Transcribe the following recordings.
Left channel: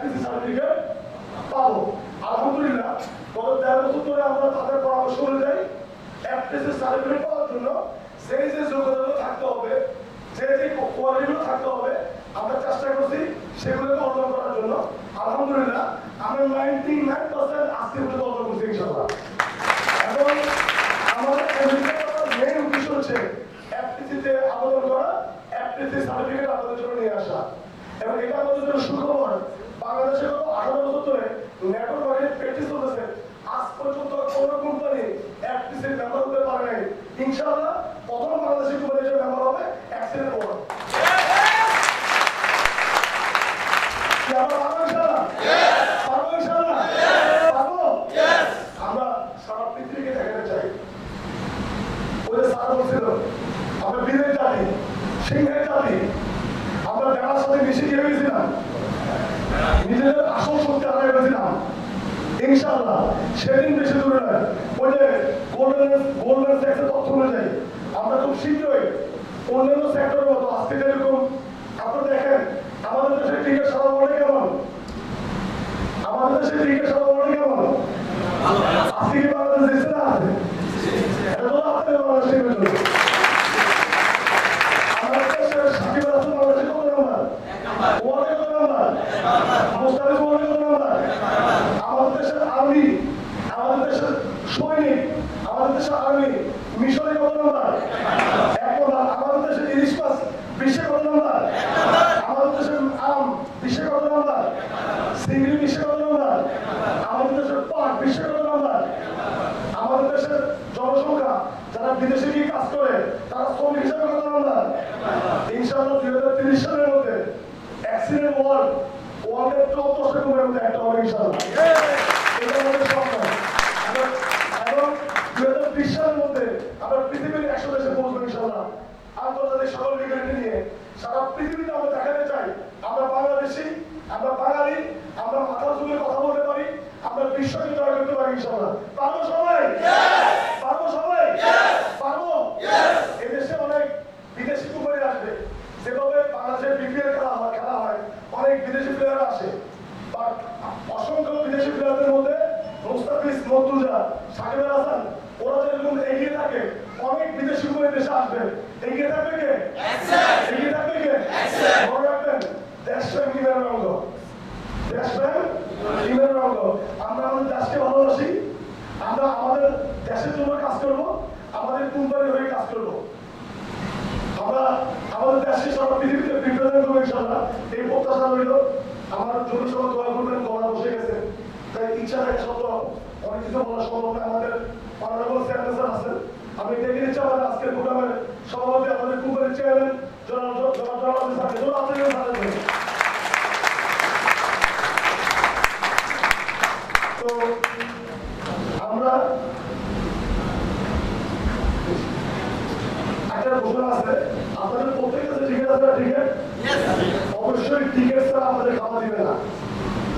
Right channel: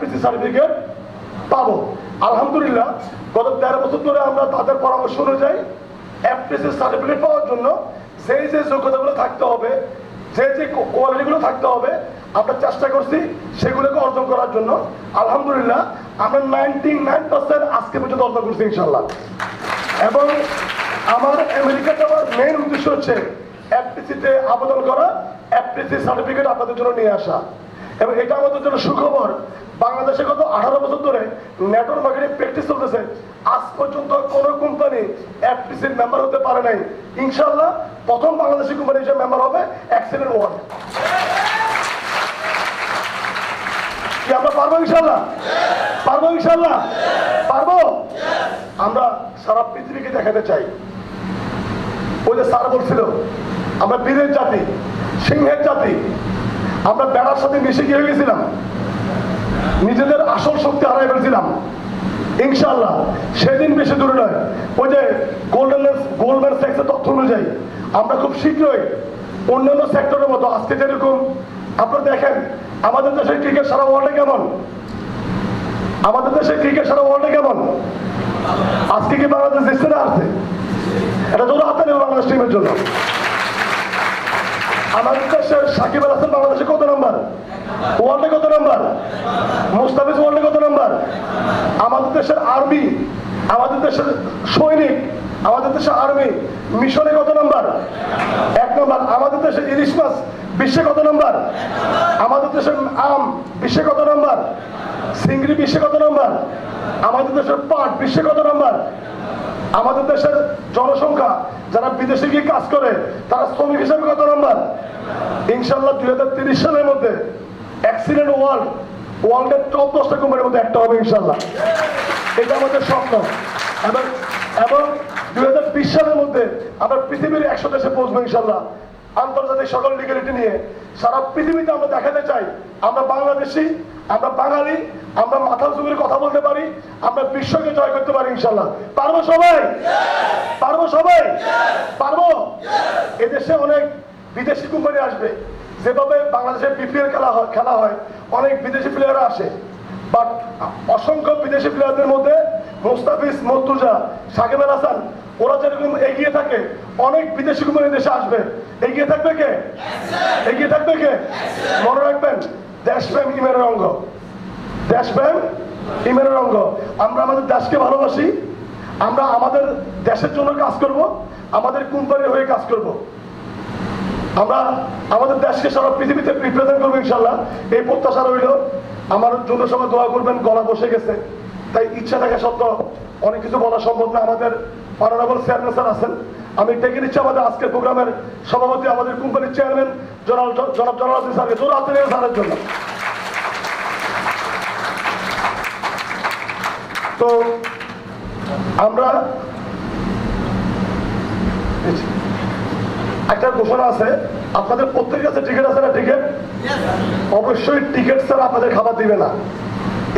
FPC certificate পাবো। আলহামদুলিল্লাহ গত 13 বছর ধরে আমরা তাদের পরামর্শ অনুযায়ী এফপিসি সার্টিফিকেট পাওয়ার জন্য যে যোগ্যতাগুলো থাকতে হবে, যে কোয়ালিটিগুলো থাকতে হবে আমরা চেষ্টা করছি সেগুলোকে অর্জন করার জন্য। আলহামদুলিল্লাহ আমরা 99% আজকে পর্যন্ত অর্জন করছি ইনশাল্লাহ। এবং আমাদের আমেরিকা যাওয়ার মেইন উদ্দেশ্য হচ্ছে এফপিসিতে আবেদন করা, এফপিসি সার্টিফিকেট আপনাদের জন্য নিয়ে আসা। এবং এটা আমাদের জন্য সুখবর, বাংলাদেশে গত 18 বছর ধরে নেটওয়ার্ক মার্কেটিং প্র্যাকটিস চলতেছে, আজ পর্যন্ত কোনো কোম্পানি এফপিসির মেম্বার হতে পারে নাই। ইনশাআল্লাহ প্রথম বাংলাদেশি কোম্পানি হিসেবে মেম্বার হবে এক্সেলেন্ট ওয়ান। কি আমরা পারবো ইনশাআল্লাহ? পারবো ইনশাআল্লাহ? পারবো। আমরা সারা পৃথিবীকে দেখাতে চাই, ওই যে স্যার বলছিল আমরা বীরের জাতি, সিংহের জাতি, আমরা বেড়ার সাথে মিশে কি হয়ে গেছিলাম, নিজেদের আসল শক্তি হারাই ফেলেছিলাম। ইনশাআল্লাহ সেদিন বেশি দূরে নয়, ওই যে গোল্ডম্যান স্যাক্সের তথ্য অনুযায়ী আমরা খুব শীঘ্রই অন্যান্য সেক্টরের মতো আজকে যেরকম আপনারা দেখেন আমাদের দেশের ক্রিকেট সারা ওয়ার্ল্ডে কেমন, আমাদের দেশের ক্রিকেট সারা ওয়ার্ল্ডে কেমন, আজকে কি বাংলাদেশ জিতছে না আছে? এটা ধরো আপনাদের বাংলাদেশ টিমের জন্য। আমাদের দেশের সাকিব আল হাসান বাংলাদেশে কত নম্বর, ওয়ার্ল্ডে কত নম্বর, মুস্তাফিজ ওয়ার্ল্ডে কত নম্বর, আমাদের দেশের আর্মি, আমাদের দেশের সৈনিক, আমাদের দেশের আর্মি মিশনে কত নম্বর, 1 নম্বর। আমাদের দেশের ইলিশ মাছ বিশ্বে কত নম্বর, আমাদের দেশের আম বিশ্বে কত নম্বর, চিংড়ি বিশ্বে কত নম্বর, আমাদের দেশের পাট বিশ্বে কত নম্বর, আমাদের দেশের জনসংখ্যা যারা বিদেশে গিয়ে কাজ করে তারা শ্রমিক হিসেবে কত নম্বর। ইনশাআল্লাহ 2030 সালের মধ্যে এক্সিলেন্ট ওয়ার্ল্ডের টপ 10টা কোম্পানির মধ্যে একটা হবে ইনশাআল্লাহ। এটা আমাদের স্বপ্ন। এবং 2020 সালের মধ্যে আমরা পৃথিবীর 100 দেশে পৌঁছবো ইনশাআল্লাহ। আন্তর্জাতিক সকল লিগ্যালিটি নিয়ে সারা পৃথিবীতে আমরা দেখাতে চাই আমরা বাংলাদেশি, আমরা বাঙালি, আমরা মাথার যুগের কথা বলতে পারি, আমরা বিশ্বকে জয় করতে পারি ইনশাআল্লাহ। পারবো সবাই? পারবো সবাই? পারবো। এদেশে অনেক বিদেশি কোম্পানি আসবে, যেভাবে বাংলাদেশের বিপিএল খেলা হয় অনেক বিদেশি প্লেয়াররা আসে, বাট অসংখ্য বিদেশি প্লেয়ারদের মধ্যে মুস্তাফিজ, মর্তুজা, সাকিব আল হাসান ওরা যেরকম এগিয়ে থাকে অনেক বিদেশি কোম্পানি দেশে আসবে। এগিয়ে থাকবে কে? এগিয়ে থাকবে কে? মনে রাখবেন দেশপ্রেম ইমানের অঙ্গ, দেশপ্রেম ইমানের অঙ্গ। আমরা আমাদের দেশকে ভালোবাসি, আমরা আমাদের দেশের জন্য কাজ করব, আমাদের কোম্পানির হয়ে কাজ করব, আমরা আমাদের দেশকে সারা পৃথিবীতে রিপ্রেজেন্ট করবো ইনশাআল্লাহ। এই প্রত্যাশা রইল। আমার জন্য সবাই দোয়া করবেন। গলা বসে গেছে, তাই ইচ্ছা থাকা সত্ত্বেও অনেক কিছু বলা সম্ভব না। আমাদের অনারেবল চেয়ারম্যান স্যার আছেন, আমি ডেকে নিচ্ছি আমাদের আজকের প্রোগ্রামের সভাপতি, আমাদের কোম্পানির চেয়ারম্যান জনাব জনাব স্যারকে জোর হাতে স্যারের জন্য। তো আমরা একটা ঘোষণা আছে, আপনাদের প্রত্যেকের কাছে টিকিট আছে না? টিকিট অবশ্যই টিকিট ছাড়া আপনাদের খাবার দিবে না।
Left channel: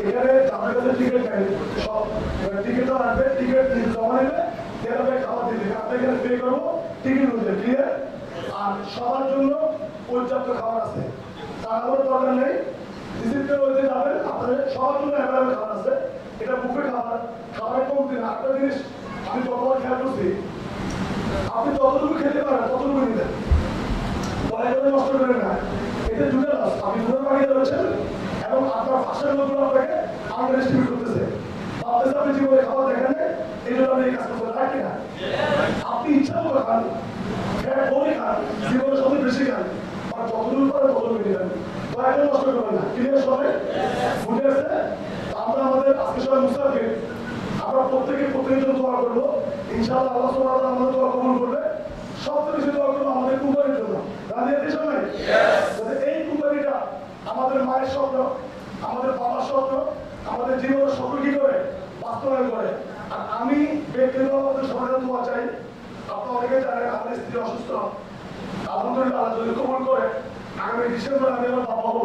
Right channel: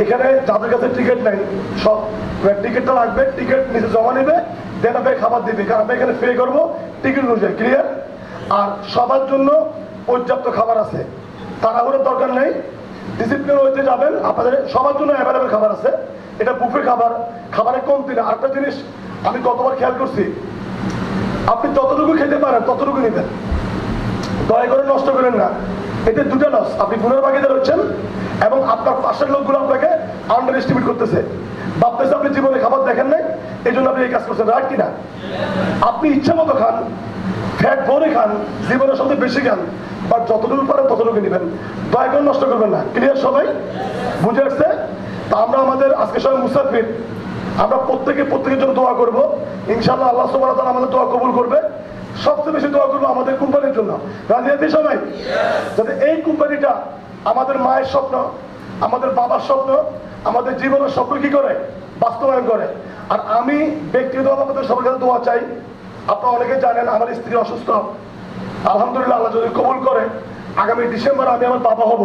এখানে যাদের কাছে টিকিট নেই সব টিকিটটা লাগবে, টিকিট নিচে জমা নেবে, দেন আপনাকে খাবার দিবে, কারণ আমরা এখানে পে করবো টিকিট অনুযায়ী। ক্লিয়ার? আর সবার জন্য পর্যাপ্ত খাবার আছে, তাড়াহুড়োর দরকার নেই, ডিসিপ্লিন হইতে যাবেন। আপনাদের সবার জন্য অ্যাভেলেবেল খাবার আছে, এটা বুফে খাবার, খাবারে কমতি না। আরেকটা জিনিস আমি গতবার খেয়াল করছি, আপনি যতটুকু খেতে পারেন ততটুকু নিতেন, দয়া করে নষ্ট করেন না। এতে দুটো লস, আপনি গুণের ভাগিদার হচ্ছেন এবং আপনার পাশের লোকগুলো আপনাকে আন্ডার এস্টিমেট করতেছে, ভাবতেছে আপনি জীবনে খাবার দেখেন নাই এই জন্য আপনি এই কাজ করছেন। রাইট কিনা? আপনি ইচ্ছা মতো খান, ফ্যাট ভরে খান, জীবনে সবচেয়ে বেশি খান, বাট যতটুকু পারেন ততটুকু নেবেন, দয়া করে নষ্ট করবেন না। ক্লিয়ার? সবাই বুঝে আসছে? তা আমরা আমাদের আজকে সবাই মুসাফির, আমরা প্রত্যেকের জন্য দোয়া করবো ইনশাআল্লাহ। আল্লাহ সুবহানাহু ওয়া তাআলা আমাদের দোয়া কবুল করবে। সবচেয়ে বেশি দোয়া করবো আমাদের কোম্পানির জন্য। রাজি আছি সবাই? যাতে এই কোম্পানিটা আমাদের মায়ের স্বপ্ন, আমাদের বাবার স্বপ্ন, আমাদের জীবনের স্বপ্ন কি করে বাস্তবায়ন করে। আর আমি ব্যক্তিগত আমাদের সবার কাছে দোয়া চাই। আপনারা অনেকে জানেন আমার স্ত্রী অসুস্থ, আলহামদুলিল্লাহ আল্লাহ যদি কবুল করে আগামী ডিসেম্বর আমি আমার বাবা হব,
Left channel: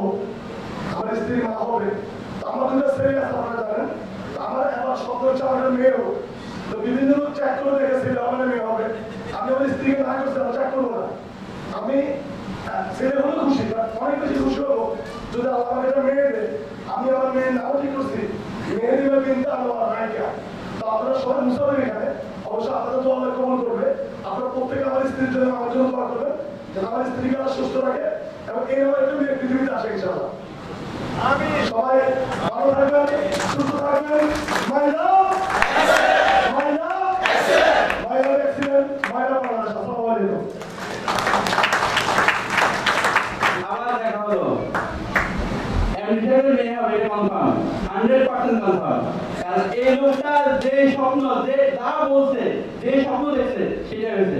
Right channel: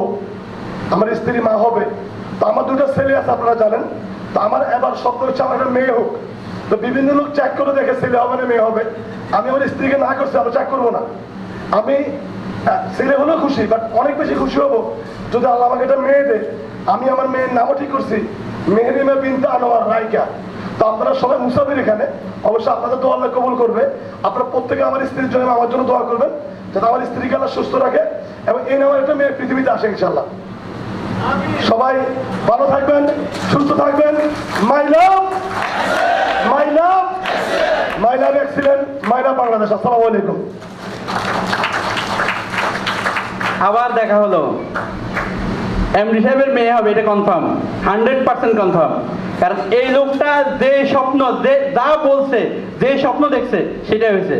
আমার স্ত্রী মা হবে। তো আমার দুটো ছেলে আছে আপনারা জানেন। তো আমার এবার স্বপ্ন হচ্ছে আমার একটা মেয়ে হোক। তো বিভিন্ন লোক চেক করে দেখে ছেলে হবে না মেয়ে হবে, আমি আমার স্ত্রীকে না করছি, আমি চেক করবো না। আমি ছেলে হলেও খুশি, বাট অনেক বেশি খুশি হবো যদি আল্লাহ আমাকে একটা মেয়ে দেয় আমি আমার মেয়ের নামও ঠিক করছি, মেহরিমা বিনতে আনোয়ার রাইকা। তো আপনারা সবাই মুসাফির এখানে, অবশ্যই আপনাদের দোয়া আল্লাহ কবুল করবে। আপনারা প্রত্যেকে আমার স্ত্রীর জন্য আমার জন্য দোয়া করবেন, যাতে আমার স্ত্রীকে আল্লাহ সুস্থ রাখে এবং এই নামের একটা মেয়ে পৃথিবীতে আসে ইনশাআল্লাহ। সবাই ভালো থাকবেন, সুস্থ থাকবেন। মাই লাভ, মাই লাভ, মাই লাভ এক্সিলেন্ট, মাই লাভ বাংলাদেশ। আসসালামু আলাইকুম। আবার দেখা হলো। এমডি সাহেবের মেয়ে হবে, এটা কনফার্ম, 100% কনফার্ম। কারণ এই লোকটা যে স্বপ্ন, যা বলছে, যে স্বপ্ন দেখছে সেটাই হয়েছে।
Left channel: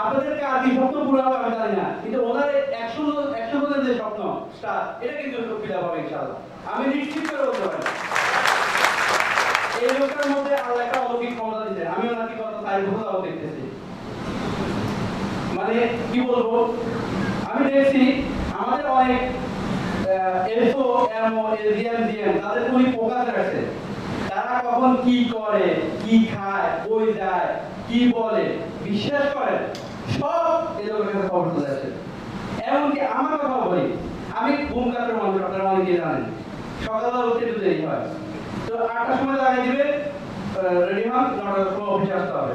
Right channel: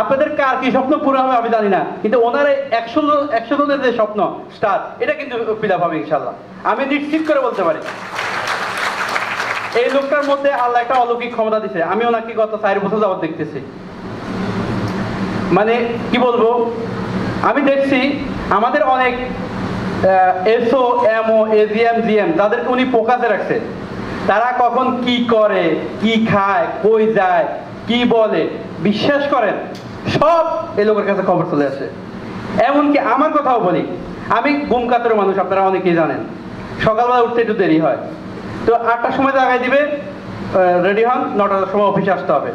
আপনাদের কার কি স্বপ্ন পুরো হবে আমি জানি না, কিন্তু ওনার 100 জনের যে স্বপ্ন স্টার, এটা কিন্তু ফিল আপ হবে ইনশাআল্লাহ, আমি নিশ্চিত করে বলতে পারি। এই লোকটার মধ্যে আল্লাহ একটা অলৌকিক ক্ষমতা দিছে। আমি ওনাকে গত 4 বছর যাবত দেখতেছি। মানে কি বলবো, আমি দেখছি আমাদের অনেক এসও, এমও, এজিএম, জিএম, তাদেরকে উনি ফোকাসে রাখছে। তারা কখন কি করে, কি খায়, কই যায়, কি বলে, বিশ্বাস করেন সব এই লোকের কাছে খবর চলে আসে। এমনকি আমার কথাও বলি, আমি ঘুম কাতর মানুষ, আপনারা অনেকেই জানেন। সকালবেলা উঠতে একটু দেরি হয়, তো 8টার সময় জাগাই দিবে, রেডি হন, 9টার সময় অফিসে আসতে হবে।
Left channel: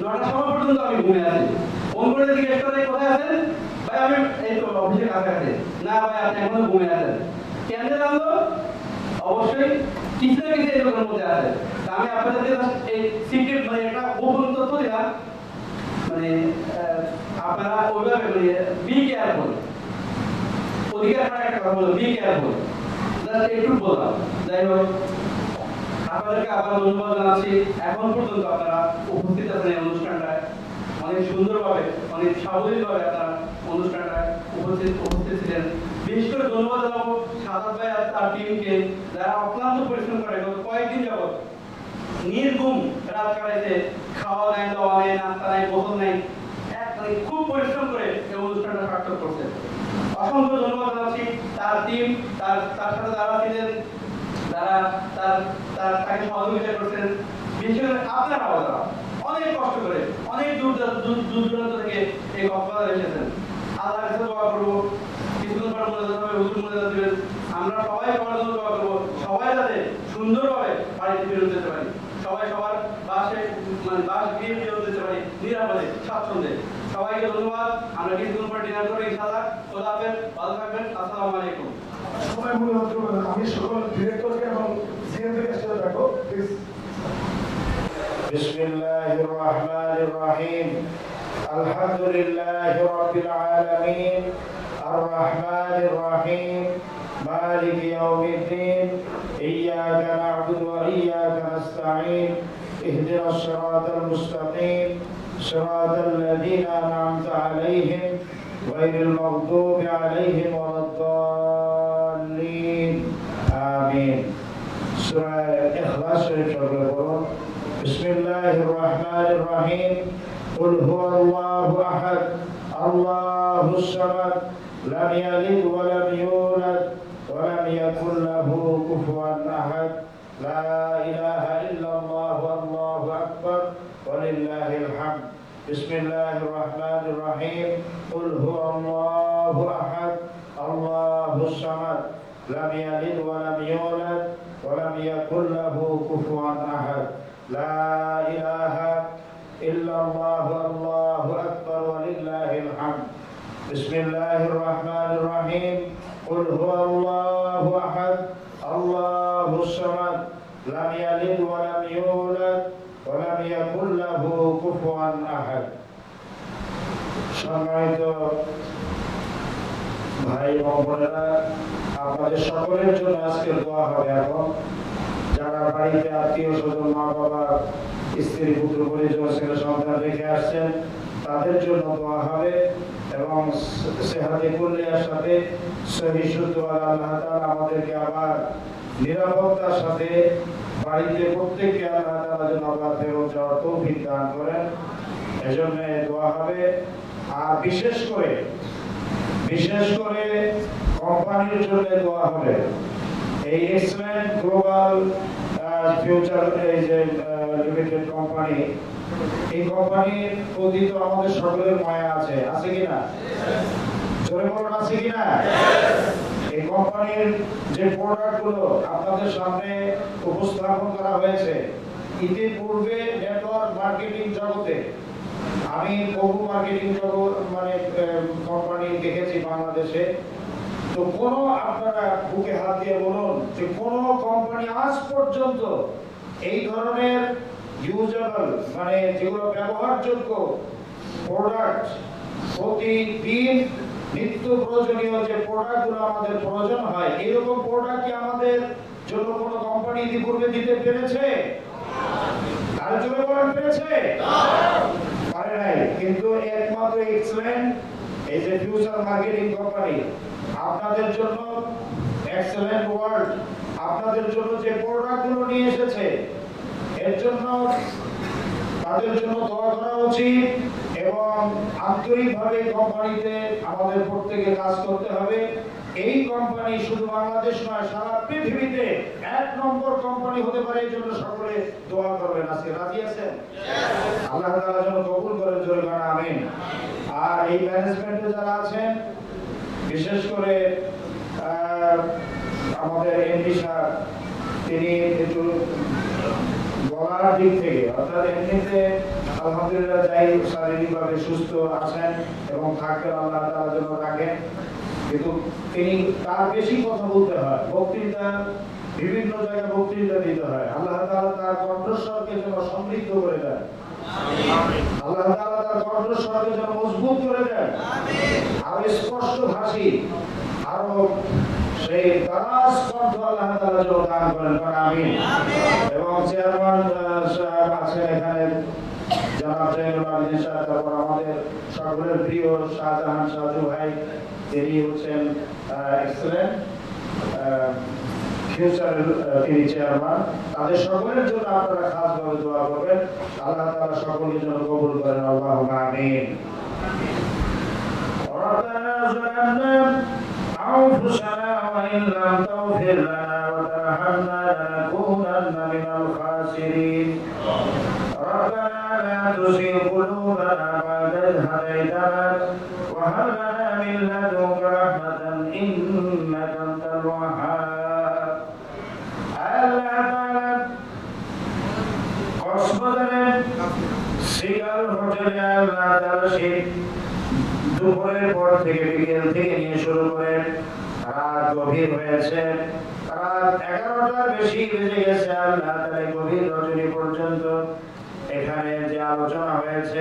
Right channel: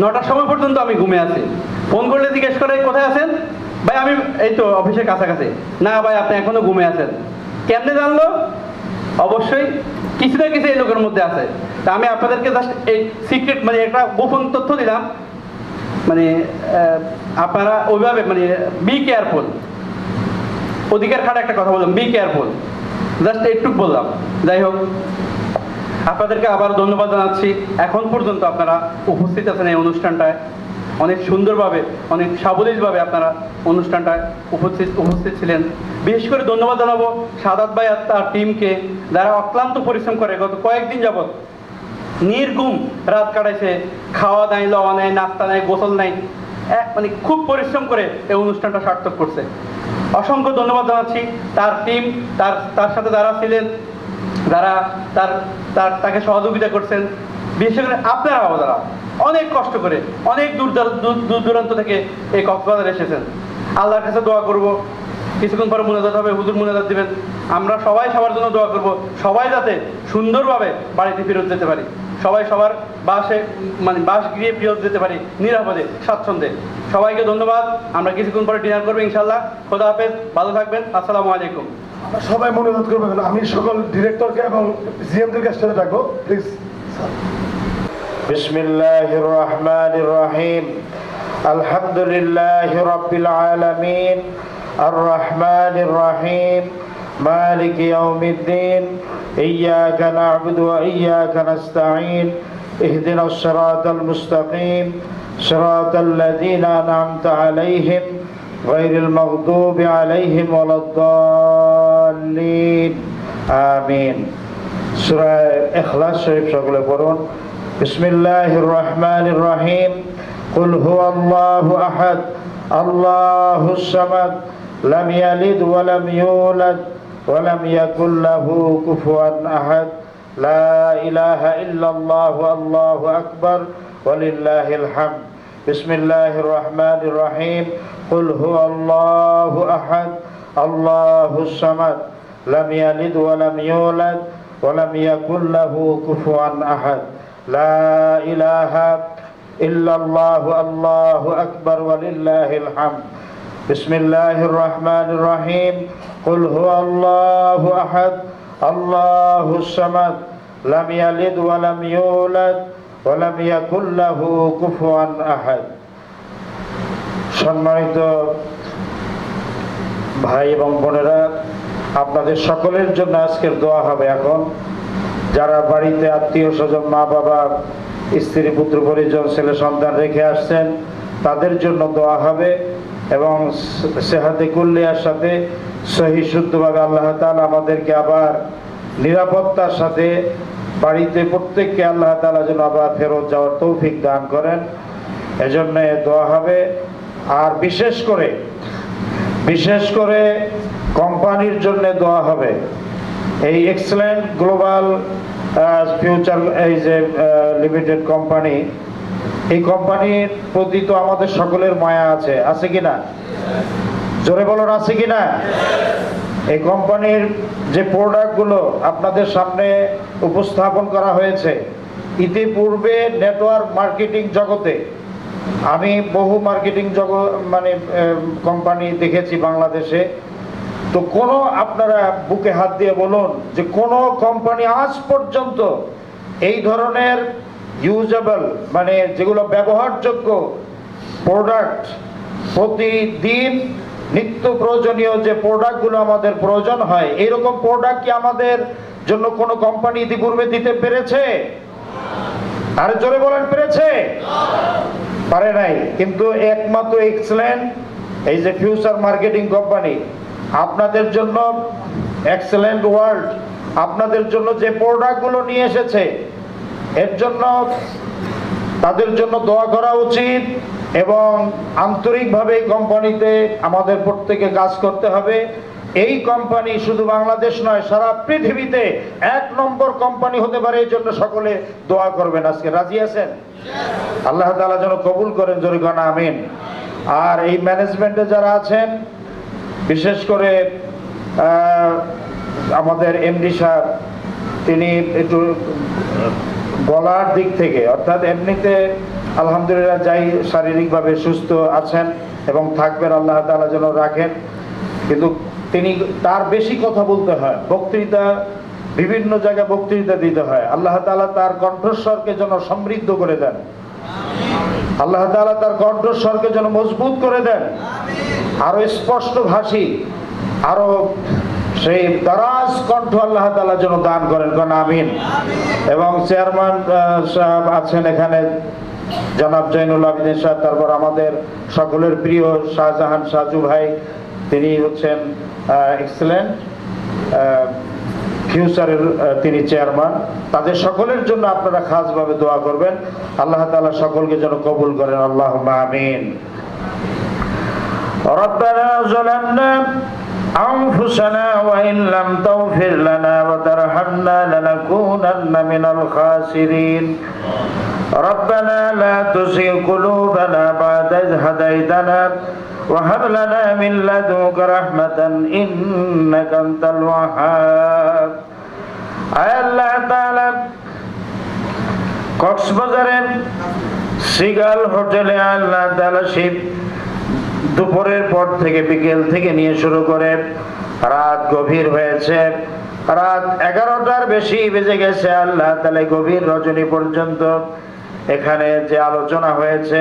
9টার সময় পর্যন্ত আমি ঘুমে আছি। ফোন করলে জিজ্ঞেস করে কোথায় আছেন, ভাই আমি এই তো অফিসের কাছাকাছি। না ভাই আপনি এখনো ঘুমে আছেন। কেমনে জানলো? অবশ্যই কিছু না কিছু এই লোকের মধ্যে আছে। তা আমি আপনাদেরকে জাস্ট এই সিক্রেট, মানে একটা গোপন তথ্য দিলাম। মানে আপনারা ওইভাবে মানে বি কেয়ারফুল, অধিকার খাটে একটা কথা বললাম, বি কেয়ারফুল, জাস্ট একটু বললাম। যাই হোক, আপনাদেরকে আবার ধন্যবাদ জানাচ্ছি। এখন পর্যন্ত আপনারা উপস্থিত আছেন এই অনুষ্ঠানটায়, অনেক সুন্দরভাবে, অনেক সাবলীলভাবে আপনারা অনুষ্ঠানটায় উপস্থিত ছিলেন। বিশেষ করে ধন্যবাদ জানাবো সাদাত ভাই আর তার টিমকে, যারা অক্লান্ত পরিশ্রম করে গত কয়েকদিন যাবৎ নির্ঘুম রাত কাটাইছে, খাওয়া নাই, লওয়া নাই, নাস্তা নাই, গোসল নাই, মানে খুব পরিশ্রম করে এই অনুষ্ঠানটা সার্থক করছে। অসংখ্য ধন্যবাদ জানাচ্ছি তার টিম, তার সাথে যারা ছিলেন, যারা তাকে সহযোগিতা করছেন। বিশেষ করে আপনারা যারা অনেক কষ্ট করে, অনেক দূর দূরান্ত থেকে এই কক্সবাজারে এসেছেন। আল্লাহর কাছে দোয়া করবো, কিছুক্ষণ পরে মুনাজাত হবে, হুজুর মুনাজাত দিবেন। আমরা সবাই সবার জন্য দোয়া করবো, সবাই যাতে সুন্দরভাবে বাড়িতে ফেরত যেতে পারি, সবাই সবার বাসে, মানে বাস গিয়ে ফেরত যেতে পারি নিরাপদে, স্বাচ্ছন্দ্যে। সবাইকে ধন্যবাদ। আমরা কিছুক্ষণ পরে ডিনার করবো ইনশাআল্লাহ। খোদা হাফেজ, ভালো থাকবেন। আসসালামু আলাইকুম। সবাই মনোনয়ন করবেন। আমি সকল ডিরেক্টরকে এবং জিএমদেরকে স্টেজে ডাকবো, প্লিজ। বিসমিল্লাহির রহমানির রহিম। আলহামদুলিল্লাহি রাব্বিল আলামিন, আর রহমানির রহিম, মালিক ইয়াউমিদ্দিন, ইয়্যাকা না'বুদু ওয়া ইয়্যাকা নাস্তাঈন, ইহদিনাস সিরাতাল মুস্তাকিম, সিরাতাল লাযীনা আন'আমতা আলাইহিম গায়রিল মাগদুবি আলাইহিম ওয়ালাদ-দাল্লিন। আমিন। সূরা ইখলাস শরীফ সকলে পড়ুন। বিসমিল্লাহির রহমানির রহিম। কুল হুয়াল্লাহু আহাদ, আল্লাহুস সামাদ, লাম ইয়ালিদ ওয়া লাম ইউলাদ ওয়া লাম ইয়াকুল লাহু কুফুয়ান আহাদ। লা ইলাহা ইল্লাল্লাহু, আল্লাহু আকবার, ওয়ালিল্লাহিল হামদ। বিসমিল্লাহির রহমানির রহিম। কুল হুয়াল্লাহু আহাদ, আল্লাহুস সামাদ, লাম ইয়ালিদ ওয়া লাম ইউলাদ ওয়া লাম ইয়াকুল লাহু কুফুয়ান আহাদ। লা ইলাহা ইল্লাল্লাহু, আল্লাহু আকবার, ওয়ালিল্লাহিল হামদ। বিসমিল্লাহির রহমানির রহিম। কুল হুয়াল্লাহু আহাদ, আল্লাহুস সামাদ, লাম ইয়ালিদ ওয়া লাম ইউলাদ ওয়া লাম ইয়াকুল লাহু কুফুয়ান আহাদ। সম্মানিত ভাই এবং বোনেরা, আপনাদের সকলের জন্য আজকের দোয়া হবে। এখন যারা বাড়িতে আত্মীয় স্বজন, মা বাবা, স্ত্রী, পুত্র, পরিজন, ছেলে সন্তান রেখে আসছেন, তাদের জন্য দোয়া হবে এবং সেহাতে কুল্লিয়ার সাথে সহি শুদ্ধভাবে আল্লাহ তাআলা আমাদেরকে আবার নিরাপত্তার সাথে বাড়িতে প্রত্যেককে আল্লাহ তাআলা যেন আবার ফেরত যাওয়ার তৌফিক দান করেন, এজন্য দোয়া হবে। আর বিশেষ করে কোম্পানির জন্য দোয়া হবে। এই এক্সেলেন্ট গ্লোবাল ফিউচার এই যে লিমিটেড কোম্পানি, এই কোম্পানির প্রতি তো আমাদের সকলের মায়া আছে, আছে কিনা? জোরে বলুন, আছে কিনা? এই কোম্পানির যে প্রোডাক্টগুলো আপনাদের সামনে উপস্থাপন করা হয়েছে, ইতিপূর্বে নেটওয়ার্ক মার্কেটিং জগতে আমি বহু মার্কেটিং কোম্পানি দেখেছি বাংলাদেশে। তো কোনো আপনারা বুকে হাত দিয়ে বলুন যে কোনো কোম্পানি আজ পর্যন্ত এই ধরনের ইউজেবল যেগুলো ব্যবহারযোগ্য প্রোডাক্ট, প্রতিদিন নিত্য প্রয়োজনীয় যে প্রোডাক্টগুলো আমাদের প্রয়োজন হয়, এরকম প্রোডাক্ট কি আমাদের জন্য কোনো কোম্পানি ইতিপূর্বে দিতে পেরেছে? আর জোরে বলেন, পেরেছে? পারে নাই। কিন্তু একমাত্র এক্সেলেন্ট এই যে ফিউচার মার্কেটিং কোম্পানি আপনাদের জন্য এক্সেলেন্ট ওয়ার্ল্ড আপনাদের জন্য যে প্রোডাক্টগুলো নিয়ে এসেছে, এর জন্য তাদের জন্য দোয়া করা উচিত এবং আন্তরিকভাবে এই কোম্পানিতে আমাদের প্রত্যেকে কাজ করতে হবে। এই কোম্পানি শুধু বাংলাদেশ নয়, সারা পৃথিবীতে 1 নম্বর কোম্পানি হতে পারে, এই জন্য সকলে দোয়া করবেন। আজকে রাজি আছেন? আল্লাহ তাআলা যেন কবুল করেন, জোরে বলেন আমিন। আর এই ম্যানেজমেন্টে যারা আছেন, বিশেষ করে আমাদের এমডি সাহেব, তিনি একটু গলার দিক থেকে, অর্থাৎ এমনিতে আলহামদুলিল্লাহ যাই শারীরিকভাবে সুস্থ আছেন এবং থাকবেন, আল্লাহ তাআলা যেন রাখেন, কিন্তু তিনি তার বেশি কথা বলতে হয়, বক্তৃতা বিভিন্ন জায়গায় বক্তৃতা দিতে হয়। আল্লাহ তাআলা তার কণ্ঠস্বরকে যেন সমৃদ্ধ করে দেন, আল্লাহ তাআলা তার কণ্ঠস্বরকে যেন মজবুত করে দেন, আরো স্পষ্ট ভাষী, আরো সেই দারাজ কণ্ঠ আল্লাহ তাআলা যেন দান করেন, আমিন। এবং চেয়ারম্যান সাহেব আছেন এখানে, জনাব জয়নুল আবেদিন সাহেব, তারপর আমাদের সকলের প্রিয় শাহজাহান সাজু ভাই, তিনি হচ্ছেন এক্সেলেন্ট ফিউচারের তিনি চেয়ারম্যান। তাদের সকলের জন্য আপনারা খাসভাবে দোয়া করবেন, আল্লাহ তাআলা সকলকে যেন কবুল করেন, আল্লাহুম্মা আমিন। রব্বানা যালামনা আনফুসানা ওয়া ইন লাম তাগফির লানা ওয়া তারহামনা লানাকুনান্না মিনাল খাসিরিন। রব্বানা লা তুযিগ কুলুবানা বা'দা ইয হাদাইতানা ওয়া হাব লানা মিন লাদুনকা রাহমাতান ইন্নাকা আনতাল ওয়াহ্হাব। আল্লাহ তাআলা কক্সবাজারের সিগাল হোটেলে আল্লাহ তাআলা শীত দুপুরের পর থেকে, বিকেল থেকে নিয়ে শুরু করে রাত গভীর হয়েছে, রাত 11টার বেশি বেজে গেছে, আল্লাহ তাআলা গভীর রজনী পর্যন্ত এখানে যে আলোচনা হয়েছে,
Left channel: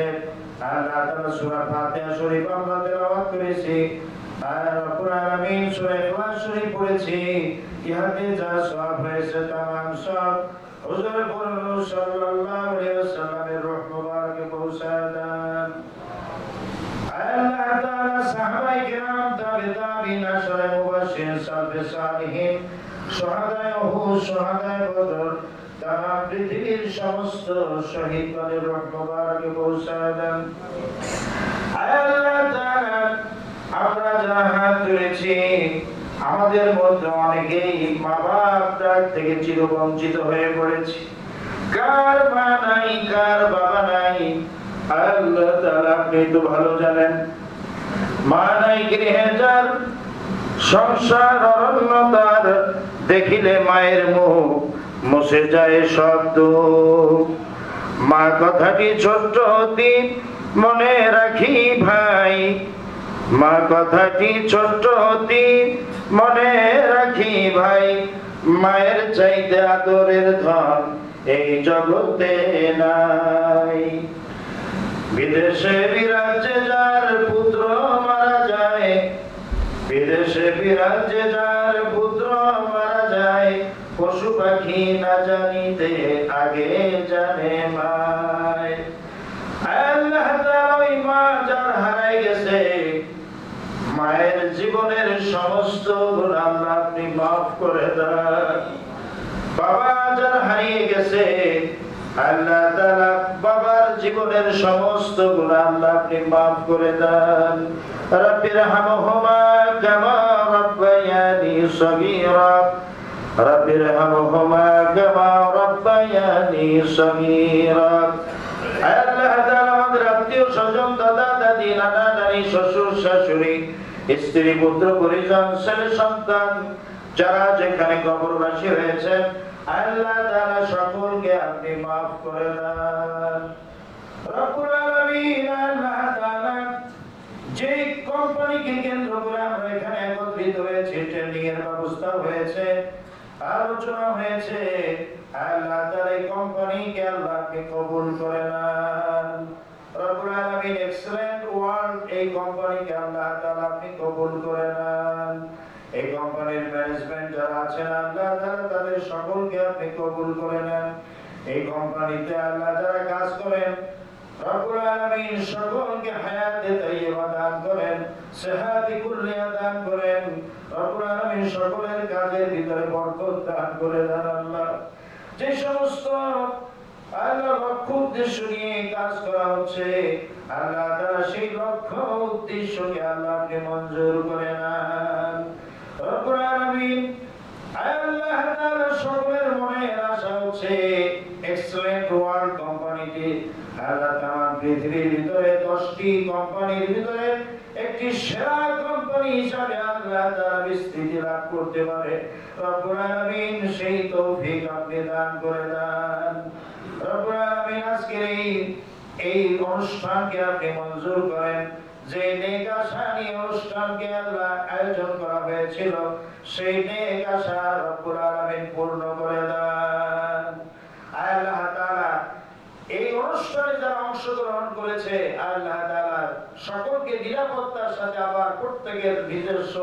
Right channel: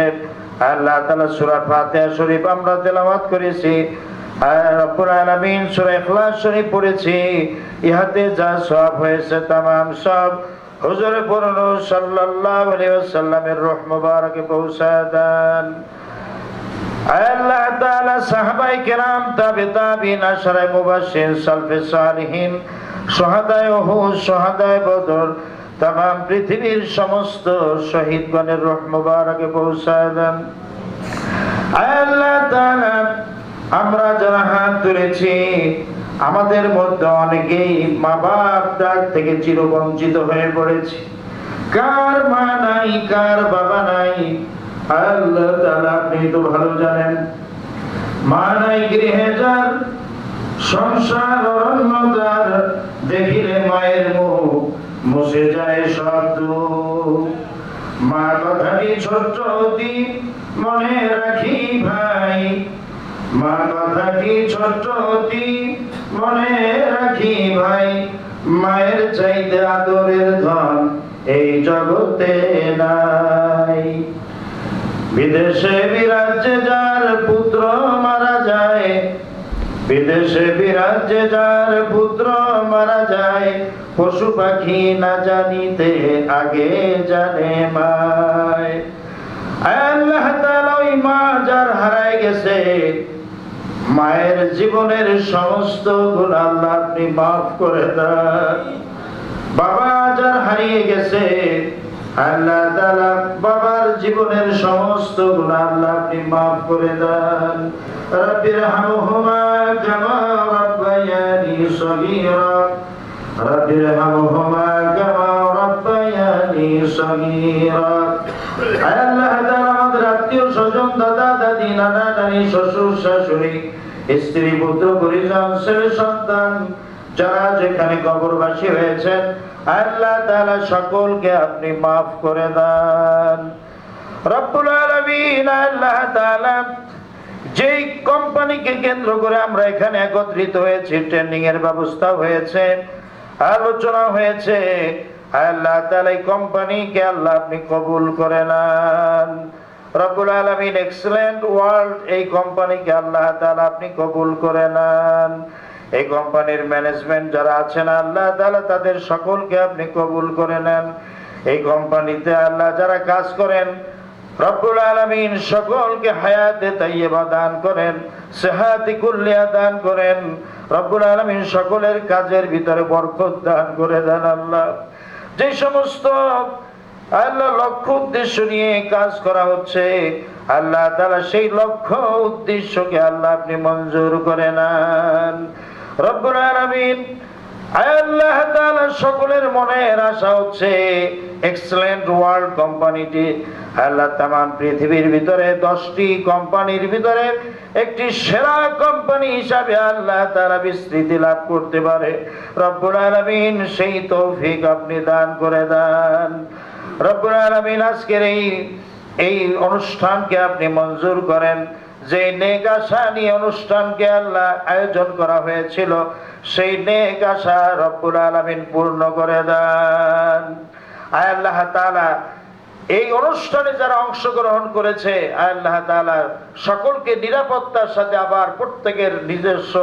আল্লাহ তাআলা সূরা ফাতিহা শরীফ আমরা তেলাওয়াত করেছি, রব্বুল আলামিন সূরা ইখলাস শরীফ পড়েছি, ইহাতে যা সওয়াব হয়েছে তামাম সব হুজুরে পড়লো সাল্লাল্লাহু আলাইহি ওয়াসাল্লামের রূহ মুবারকে পৌঁছায় দেন। আল্লাহ তাআলা সাহাবায়ে কেরাম, তাবিঈন, আশরায়ে মুবাশশির, সালফে সালিহিন, শুহাদায়ে উহুদ, শুহাদায়ে বদর, तमाम পৃথিবীর সমস্ত শহীদগণের রূহ মুবারকে পৌঁছায় দেন। আল্লাহ তাআলা আমরা যারা হাত তুলেছি, আমাদের মধ্যে অনেকেই মা বাপ ডাক থেকে চিরবঞ্চিত হয়ে পড়েছি। কার মা নাই, কার বাবা নাই, আল্লাহ তাআলা আপনি তো ভালো জানেন। মা নাই গৃহে যার, সংসার অরণ্যতার, দেখিলে মায়ের মুখ মুছে যায় সব দুঃখ। মা কথাটি ছোট্ট অতি মনে রাখি ভাই, মা কথাটি ছোট্ট অতি মনে রাখি ভাই, মায়ের চাইতে আদরের ধন এই জগতে নাই। বিদেশে বিরাজ্যে যার পুত্র মারা যায়, বিদেশে বিরাজ্যে যার পুত্র মারা যায়, পশু পাখি না জানিতে আগে জানে মায়। আল্লাহ তাআলা ওই মা যার হারায় গেছে, মায়ের জীবনের সমস্ত গুনাহ আল্লাহ আপনি মাফ করে দেন। বাবা যার হারিয়ে গেছে, আল্লাহ তাআলা বাবার জীবনের সমস্ত গুনাহ আল্লাহ আপনি মাফ করে দেন। রব্বিরহামহুমা কামা রাব্বায়ানি সগীরা, রব্বিরহামহুমা কামা রাব্বায়ানি সগীরা। আল্লাহ তাআলা আমাদের আত্মীয় স্বজন, দাদা দাদি, নানা নানি, শ্বশুর শাশুড়ি, স্ত্রী পুত্র পরিজন ছেলে সন্তান যারা যেখানে কবরবাসী হয়েছেন আল্লাহ তাআলা সকলকে আপনি মাফ করে দেন। রব্বুল আলামিন আল্লাহ তাআলা যেই কোম্পানিকে কেন্দ্র করে আমরা এখানে একত্রিত হয়েছি, ট্রেনিং এর ব্যবস্থা হয়েছে, আলোচনা হয়েছে, আল্লাহ তাআলা এই কোম্পানিকে আল্লাহ আপনি কবুল করে নেন। রব্বুল আলামিন এক্সেলেন্ট ওয়ার্ল্ড এই কোম্পানিকে আল্লাহ তাআলা আপনি কবুল করে নেন। এই কোম্পানির ম্যানেজমেন্ট যারা আছেন আল্লাহ তাআলা তাদের সকলকে আপনি কবুল করে নেন। এই কোম্পানিতে আল্লাহ যারা কাজ করেন রব্বুল আলামিন সকলকে হায়াতে তাইয়্যিবা দান করেন, সেহাতি কুল্লিয়া দান করেন। রব্বুল আলামিন সকলের কাজের ভিতরে বরকত দান করে দেন। আল্লাহ যে সমস্ত আল্লাহ লক্ষ্য উদ্দেশ্য নিয়ে কাজ করা হচ্ছে আল্লাহ তাআলা সেই লক্ষ্য উদ্দেশ্যকে আল্লাহ আপনি মঞ্জুর করে নেন। রব্বুল আলামিন আল্লাহ তাআলা সকলের মনের আশা হচ্ছে এক্সেলেন্ট ওয়ার্ল্ড কোম্পানিটি আল্লাহ তামাম পৃথিবীর ভিতরে 10টি কোম্পানির ভিতরে একটি সেরা কোম্পানি হিসাবে আল্লাহ তাআলা বিস্তৃতি লাভ করতে পারে। রব্বুল আলামিন সেই তৌফিক আপনি দান করে দেন। রব্বুল আলামিন আজকের এই অনুষ্ঠানকে আপনি মঞ্জুর করেন। যে নেক আশা নিয়ে অনুষ্ঠানকে আল্লাহ আয়োজন করা হয়েছিল সেই নেক আশা রব্বুল আলামিন পূর্ণ করে দেন। আল্লাহ তাআলা এই অনুষ্ঠানে যারা অংশগ্রহণ করেছে আল্লাহ তাআলা সকলকে নিরাপত্তার সাথে আবার প্রত্যেকের নিজস্ব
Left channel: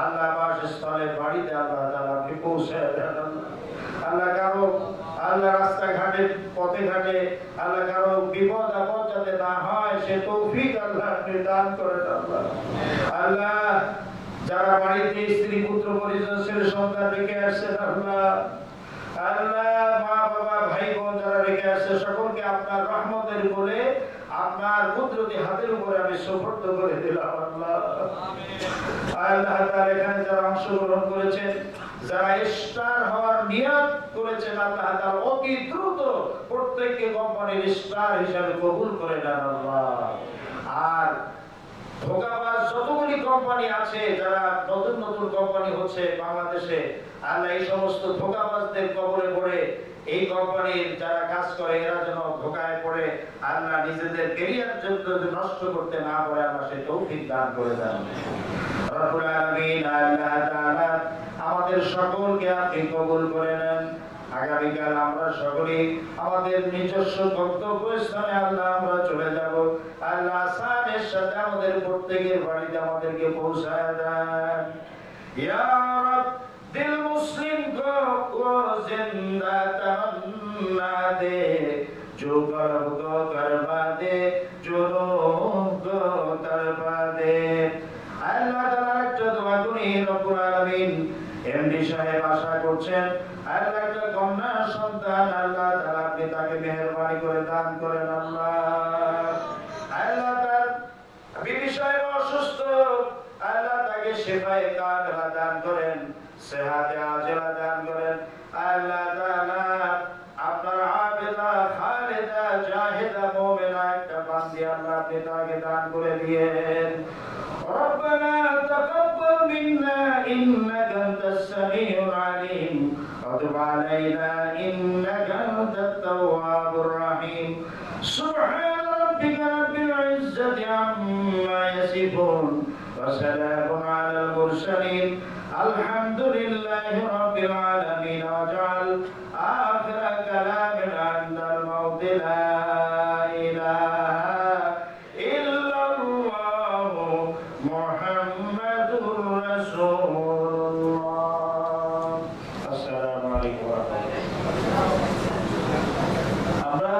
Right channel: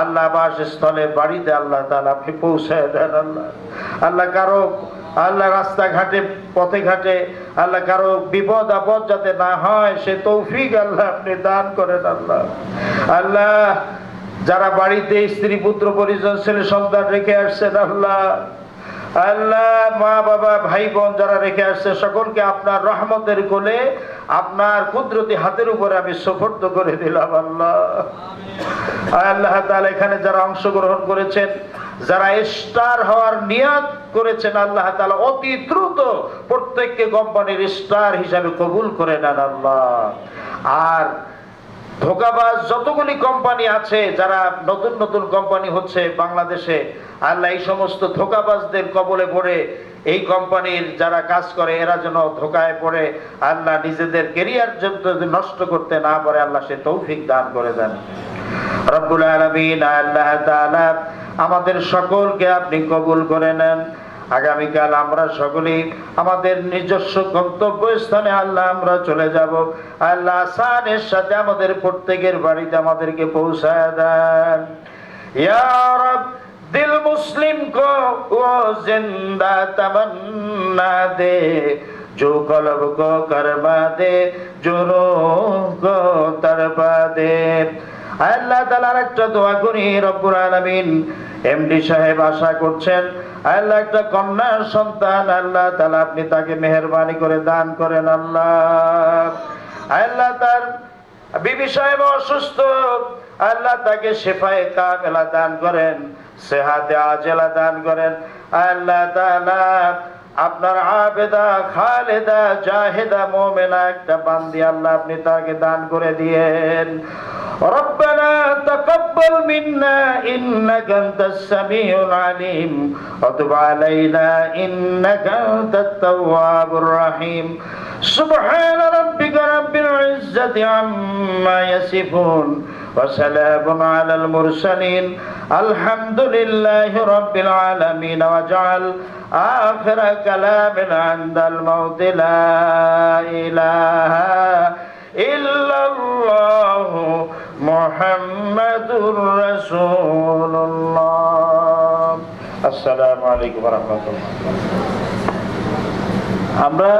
আল্লাহ বাসস্থলে বাড়িতে আল্লাহ তাআলা আপনি পৌঁছায় দেন। আল্লাহ কারো আল্লাহ রাস্তাঘাটে পথে ঘাটে আল্লাহ কারো বিপদ আপদ যাতে না হয় সে তৌফিক আল্লাহ আপনি দান করেন। আল্লাহ যারা বাড়িতে স্ত্রী পুত্র পরিজন ছেলে সন্তান রেখে আসছেন আল্লাহ মা বাবা ভাই বোন যারা রেখে আসছে সকলকে আপনার রহমতের কোলে আপনার কুদরতি হাতের উপরে আমি সুপর্দ করে দিলাম। আল্লাহ তাআলা এখানে যারা অংশগ্রহণ করেছেন যারা স্টার হওয়ার নিয়ত করেছেন আল্লাহ তাআলা অতি দ্রুত প্রত্যেককে কোম্পানির স্টার হিসাবে কবুল করে নেন। আল্লাহ আর ধোঁকাবাজ যতগুলি কোম্পানি আছে যারা নতুন নতুন কোম্পানি হচ্ছে বাংলাদেশে আল্লাহ এই সমস্ত ধোঁকাবাজদের কবলে পড়ে এই কোম্পানির যারা কাজ করে এরা যেন ধোঁকায় পড়ে আল্লাহ নিজেদের ক্যারিয়ার যদি নষ্ট করতে না পারে আল্লাহ সে তৌফিক দান করে দেন। রব্বুল আলামিন আল্লাহ তাআলা আমাদের সকলকে আপনি কবুল করে নেন। আগামীকাল আমরা সকলেই আমাদের নিজস্ব গন্তব্য স্থানে আল্লাহ আমরা চলে যাব। আল্লাহ আসানের সাথে আমাদের প্রত্যেকের বাড়িতে আমাদেরকে পৌঁছায় দেন। ইয়া রব দিল মুসলিম কো ও জিন্দা তমন্না দে, जो कल्ब को करवा दे, जो रूह को तरवा दे। আল্লাহ তাআলার একটা দোয়া করি রব্বুল আলামিন এমডি সাহেব আশা করছেন আল্লাহ একটা কন্যা সন্তান আল্লাহ তাআলা আপনি তাকে মেহেরবানি করে দান করেন। আল্লাহ তার বিবি সাহেব অসুস্থ আল্লাহ তাকে শিফায়ে কামিলা দান করেন, সেহাতে আজেলা দান করেন। আল্লাহ তাআলা আপনার আবেদা খালেদা জাহেদা মুমিনা একটা বান্দি আল্লাহ আপনি তাকে দান করে দিয়েন। ربنا تقبل منا إنك أنت السميع العليم وتب علينا إنك أنت التواب الرحيم سبحان ربك رب العزة عما يصفون وسلام على المرسلين الحمد لله رب العالمين واجعل آخر كلامنا عند الموت لا إله إلا الله মুহাম্মাদুর রাসূলুল্লাহ। আসসালামু আলাইকুম ওয়া রাহমাতুল্লাহ। আমরা